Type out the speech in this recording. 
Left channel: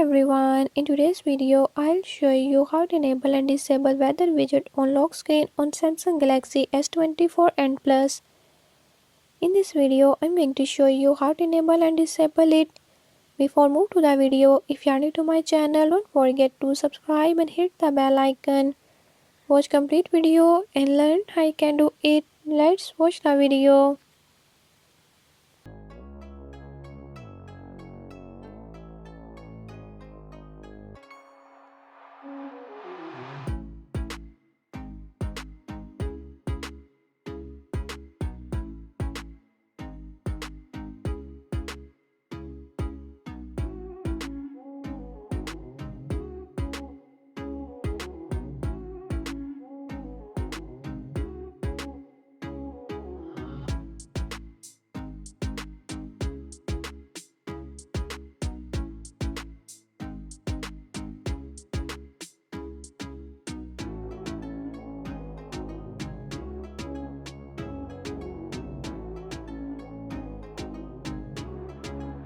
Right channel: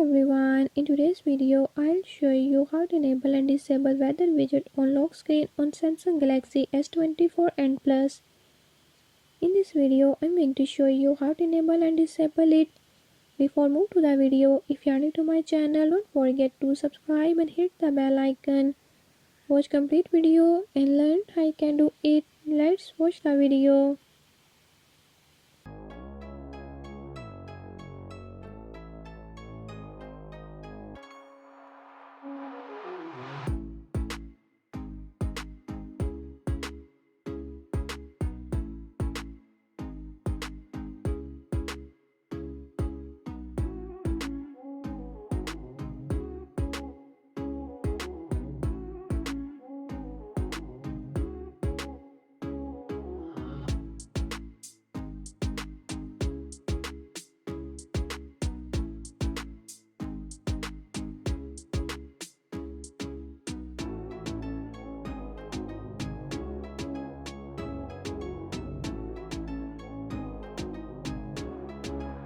everyone, in today's video I'll show you how to enable and disable weather widget on lock screen on Samsung Galaxy S24 and Plus. In this video I'm going to show you how to enable and disable it. Before move to the video, if you are new to my channel, don't forget to subscribe and hit the bell icon. Watch complete video and learn how you can do it. Let's watch the video.